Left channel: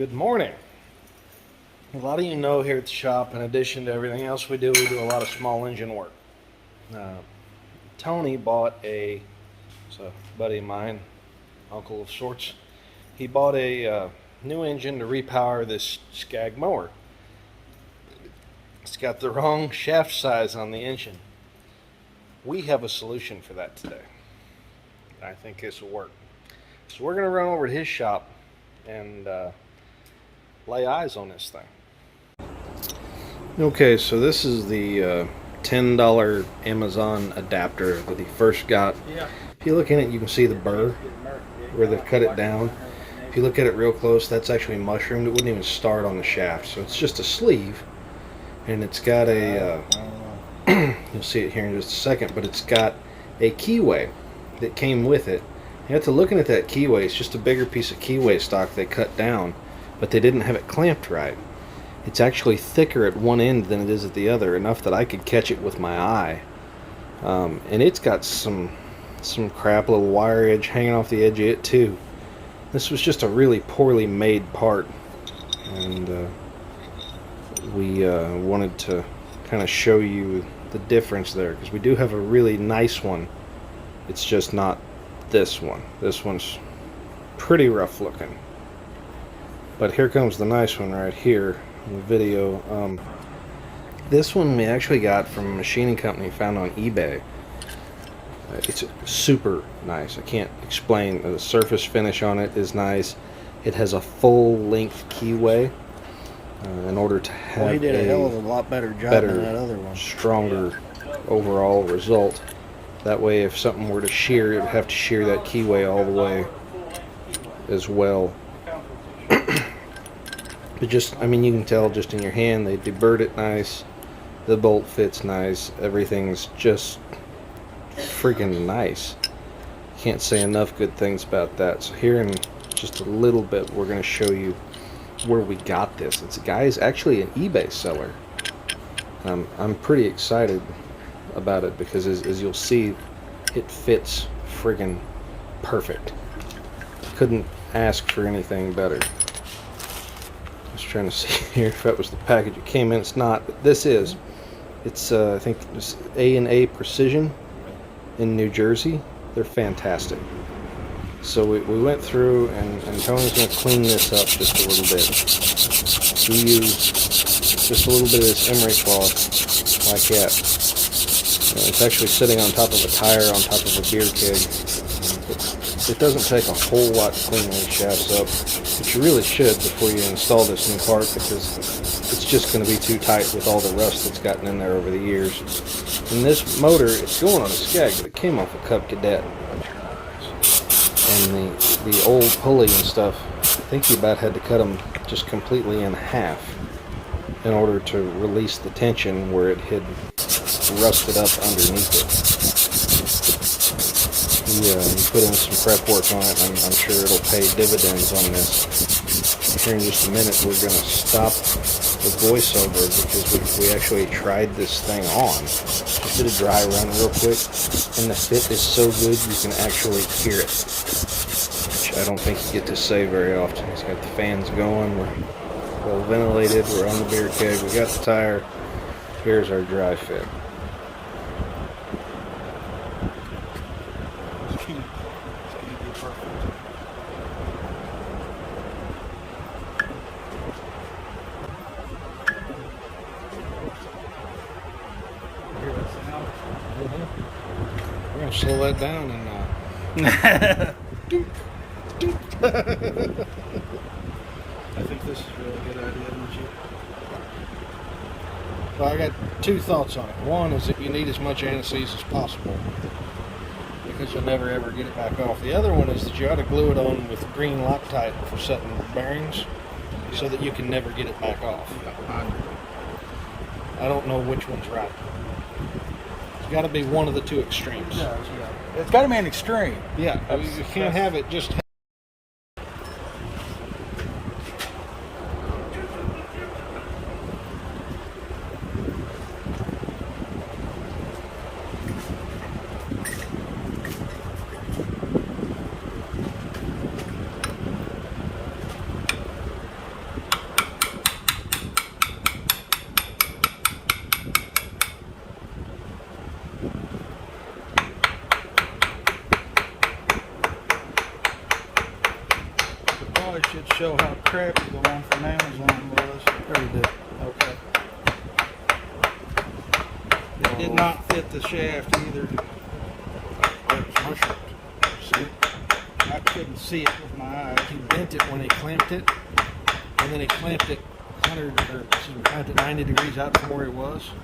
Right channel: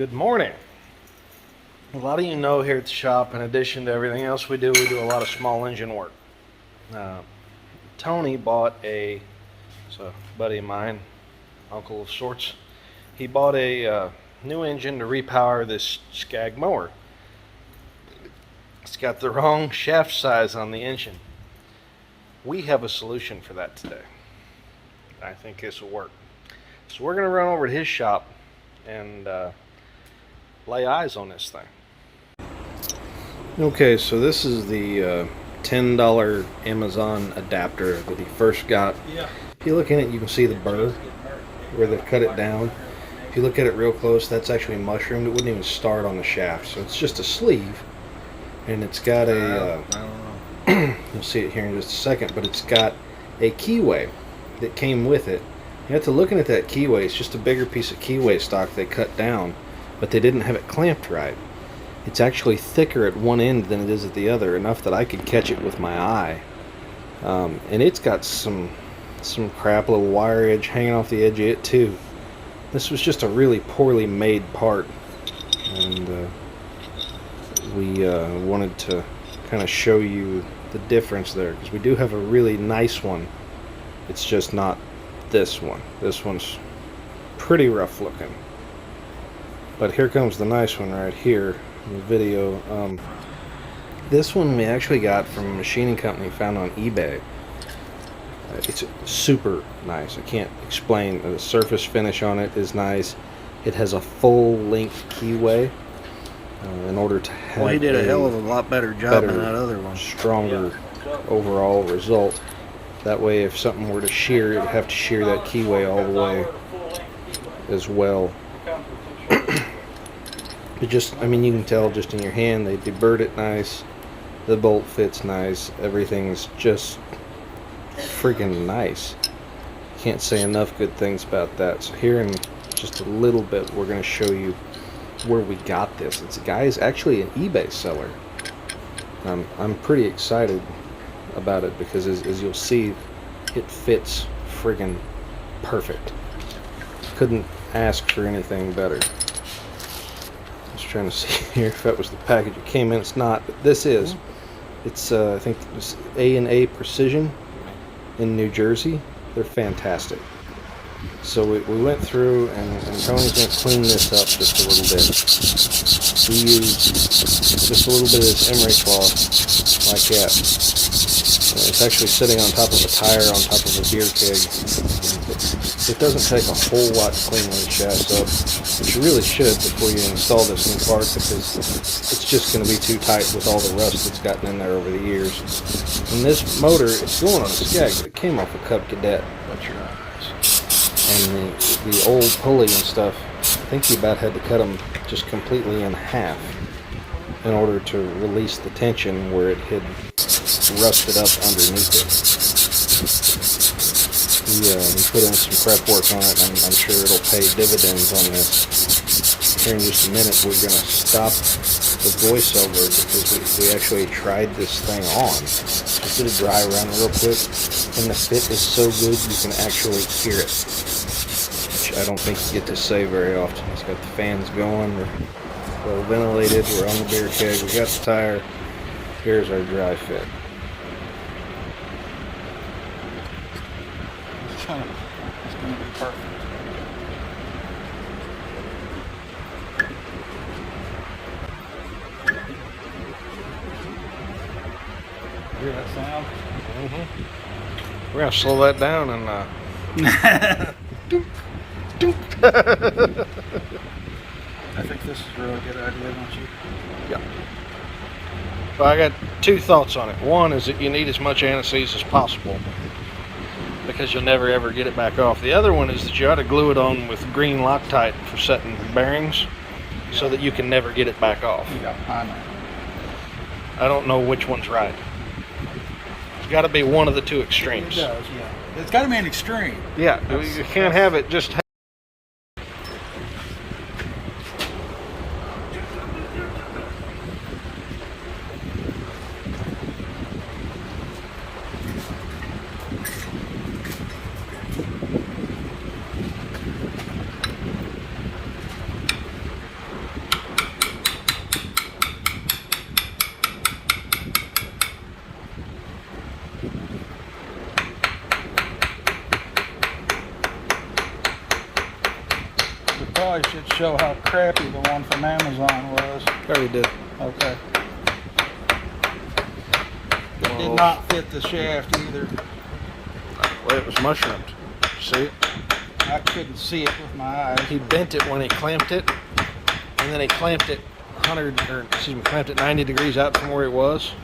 Good morning. A lot of you know here at the shop, in addition to everything else we do a lot of small engine work. Tony bought it's a buddy of mine, uncle of sorts. He bought a new engine to repower this Skag mower. It's got the wrong shaft size on the engine. We have a solution for that today. I think this will work. So we're going to run over to his shop and lay eyes on this thing. Okay, so this is the $10 Amazon adapter that he first got. If you look in it, you can see the burr where they cut it down. If you look at it real close, that's actually mushroomed. It wouldn't even start on the shaft. So it's just a sleeve, and it's got a you'll see it here in just a second, but it's got a keyway that came with it. You have to looking at that keyway, it's just a bigger piece of keyway stock they cut down, but they didn't have it clamped right. It's actually thicker at one end than it is at the other, enough that I could catch it with my eye. And it's got some crap little wire edge hanging off the edge of it too. This was just a really poorly made part, and we wanted to kind of show you the difference there, because we do have a really nice one. It's just not this one. This one's pretty rough looking. But here comes the nice one right here in the video. This one we actually got from a machining company found on eBay. It's super nice. I can't explain. The surface finish on it is nice. It has a full length keyway in order to have he did a hell of a lot better job than that other one. Stronger overall result. That way, if something were to shear, it would have to shear that keyway all the way as well. But just, I mean, you can tell just in your hand, they deburred it nice. The bolt fits nice. Everything's just freaking nice. Can't say enough good things about that. So here in just a little bit, we're going to show you where we got this. It's a guy is actually an eBay seller. I'm pretty excited about it because as you'll see, it fits friggin' perfect. Couldn't ask for anything better. I was trying to see here if that was the package it came in. It's not, but this is. It's I think it's A&A Precision in New Jersey. They're fantastic. So we went through, and Tony's going to clean this up just a little bit. We used just a little bit of this emery cloth like that. It's actually sitting on top of a tire on top of a beer keg. It doesn't take a whole lot to clean these shafts up, but you really should before you install this new part, because it's just going to be too tight with all the rust that's gotten in there over the years. And this motor, it's going on a Skag, but it came off a Cub Cadet. And the old pulley and stuff, I think he about had to cut them just completely in half in order to release the tension where it had rusted up underneath it. He put in some prep work on it, and I'm sure it'll pay dividends on this. Here in just a minute, we're going to stop the voiceover because we actually tried this thing on. Just did a dry run real quick, and the fit is so good you can actually hear it, which I don't think you get to say very often. He's got the fans going, we're well ventilated, we're on the beer keg, we got the tire. Here's our dry fit. It's going to be perfect. Hear that sound? Mm-hmm. We're going to slow that down and doop, doop. I think this is a really good idea, don't you? Yeah. Well, I got two thoughts on it. One is that you need as much anti-seize as possible, because you'll never ever get it back off. The other one is that you ought to glue it on with green Loctite for setting bearings, so that you can never get it back off. Yeah, I know. I don't know which one's right. It's got to be one of the two extremes. It does, yeah. It's got to be an extreme. Yeah, you can't have it just... We probably should show how crappy the one from Amazon was. Already did. Okay. It did not fit the shaft either. Well, it was mushroomed. See it? I couldn't see it with my eyes. He bent it when he clamped it, and then he clamped it clamped it 90 degrees out from where it was.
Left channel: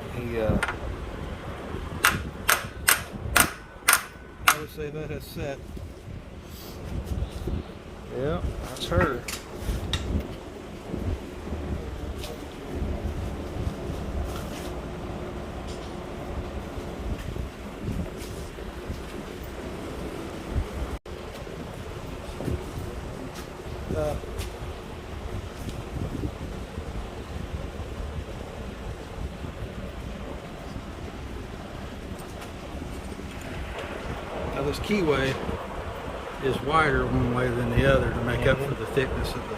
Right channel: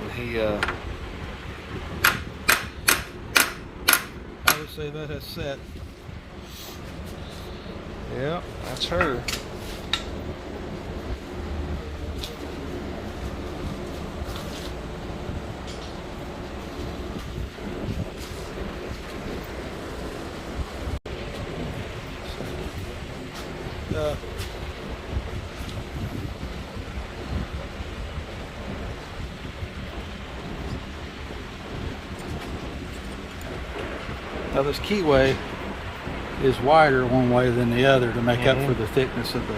And he, I would say that has set. yeah, that's her. Now this keyway is wider one way than the other to make up for the thickness of the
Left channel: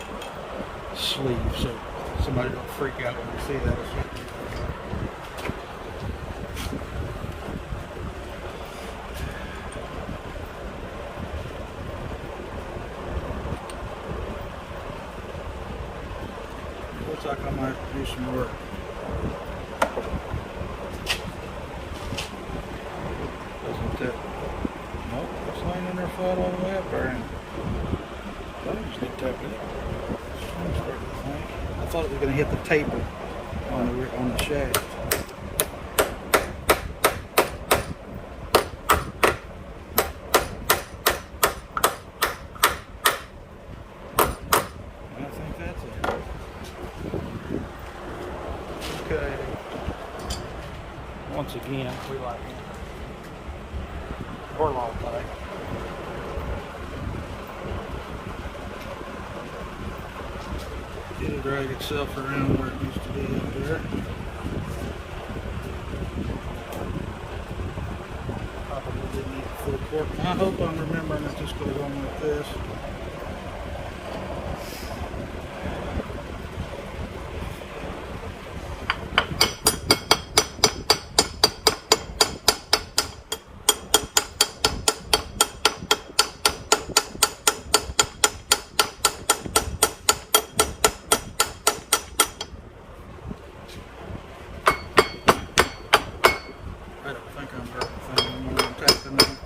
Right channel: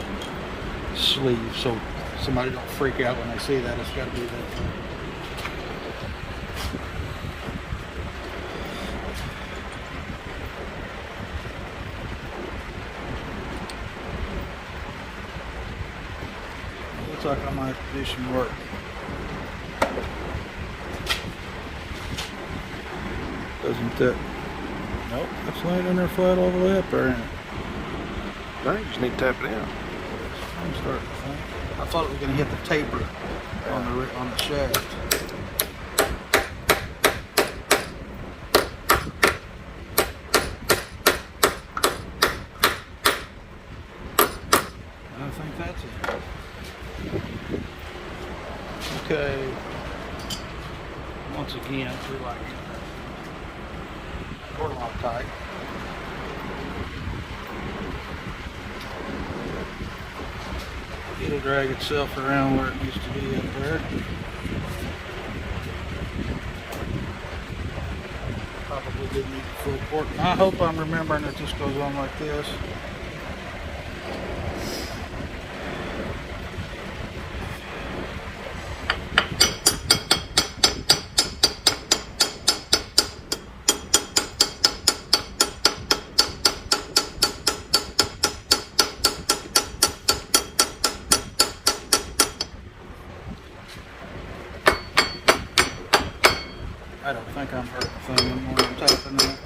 sleeve, so somebody don't freak out when they see that. It's got to be that way. It looks like I might have to do some work. Doesn't that? Nope, that's not in there flat all the way up there. I think you just need to tap it in. I'm starting to think. I thought it was going to hit the taper on the shaft. I think that's it. Okay. Once again, we're like or Loctite. It'll drag itself around where it needs to be up there. Probably didn't need the full port. I hope I'm remembering that this goes on like this. I don't think I'm hurting the thing anymore. I'm tapping that.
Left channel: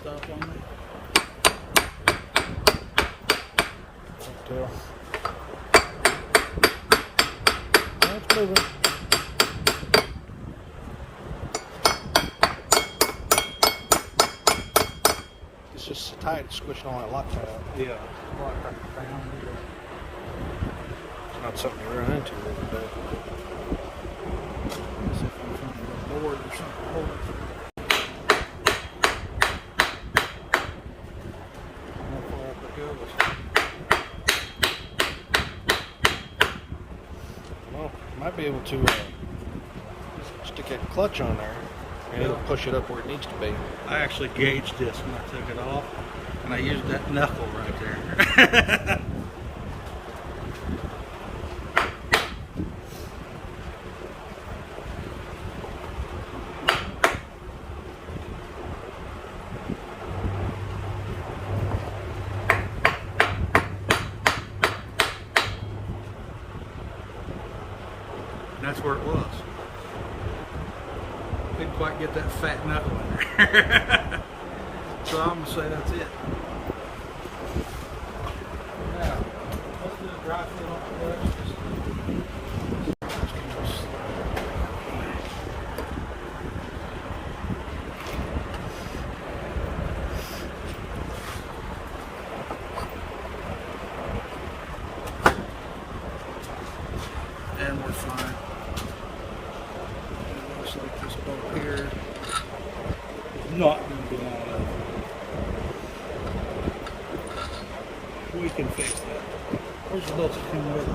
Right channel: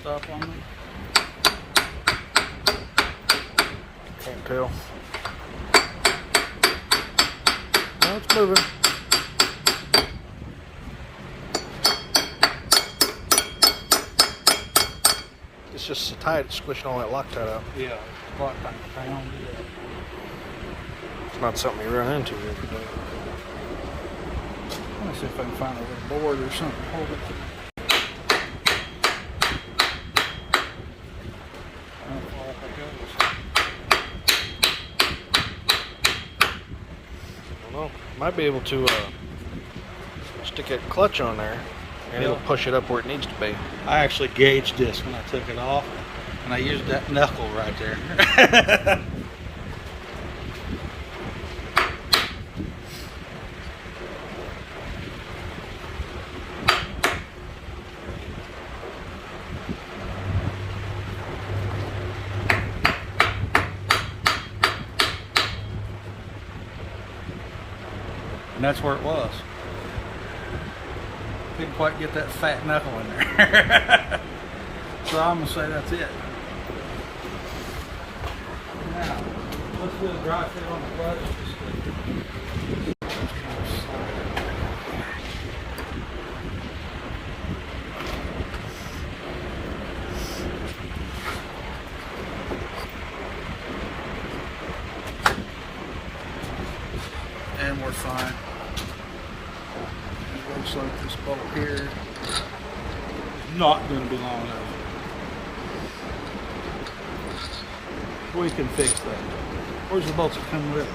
Stop on me. Can't tell. No, it's moving. It's just so tight, it's squishing all that Loctite out. Yeah. It's not something you run into every day. Let me see if I can find a little board or something. Hold it. How far up it goes. I don't know. Might be able to stick that clutch on there and it'll push it up where it needs to be. I actually gauged this when I took it off, and I used that knuckle right there. And that's where it was. Didn't quite get that fat knuckle in there. So I'm going to say that's it. Now, let's do a dry fit on the clutch. And we're fine. It looks like this bolt here is not going to be long enough. We can fix that. Where's the bolts that come with it?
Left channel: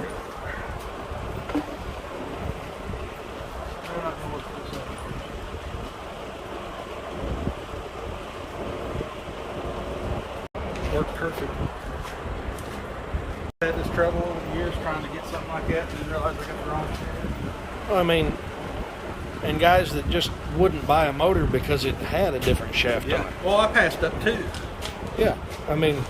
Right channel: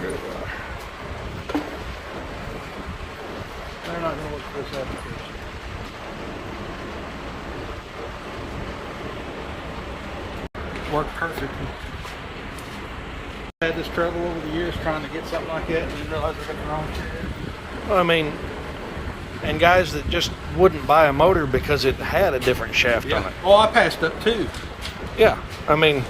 There they are. They're not going to work for this application. Worked perfectly. Had this trouble over the years trying to get something like that, and didn't realize I got the wrong chair. Well, I mean, and guys that just wouldn't buy a motor because it had a different shaft on it. Well, I passed up too. Yeah, I mean,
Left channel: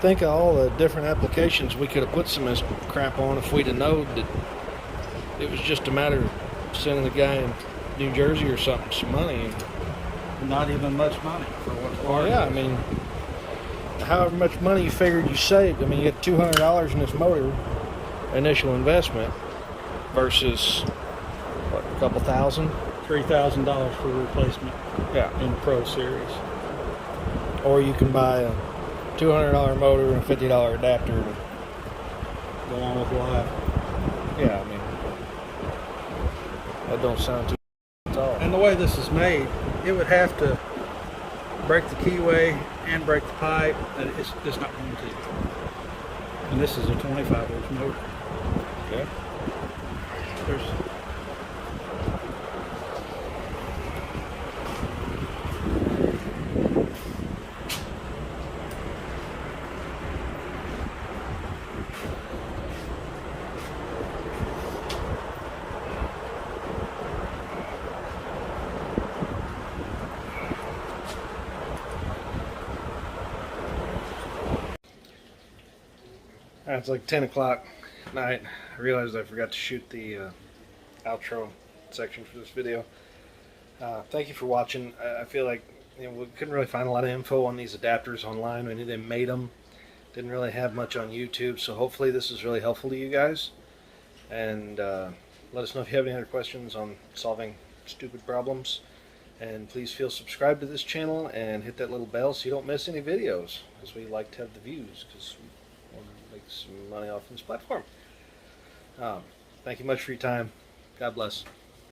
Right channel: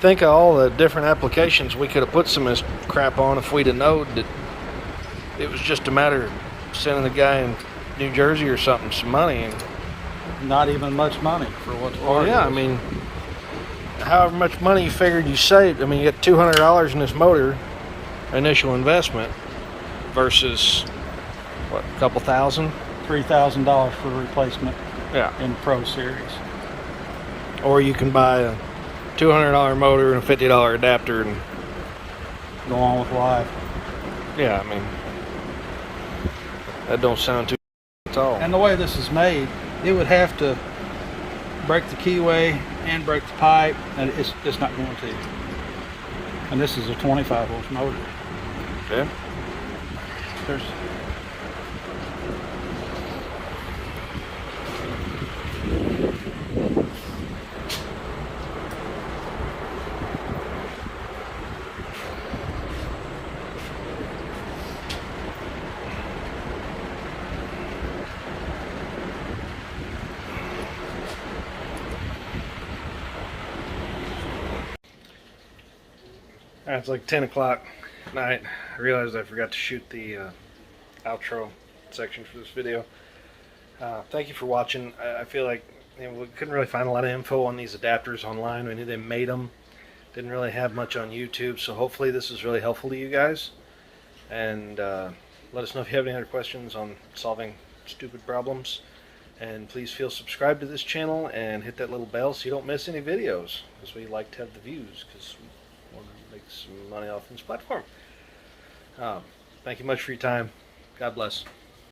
think of all the different applications we could have put some of this crap on if we'd have known that it was just a matter of sending the guy in New Jersey or something some money. And, Not even much money for what's well, yeah, I mean, however much money you figured you saved, I mean, you get $200 in this motor, initial investment, versus, what, a couple thousand? $3,000 for a replacement Yeah. in the Pro Series. Or you can buy a $200 motor and a $50 adapter, and Go on with live. yeah, I mean, that don't sound too at all. And the way this is made, it would have to break the keyway and break the pipe, and it's just not going to. And this is a 25 volt motor. Yeah. There's It's like 10 o'clock at night. I realized I forgot to shoot the outro section for this video. Thank you for watching. I feel like we couldn't really find a lot of info on these adapters online. We knew they made them. Didn't really have much on YouTube, so hopefully this is really helpful to you guys. And let us know if you have any other questions on solving stupid problems. And please feel subscribed to this channel and hit that little bell so you don't miss any videos, because we like to have the views, because we want to make some money off this platform. Thank you much for your time. God bless.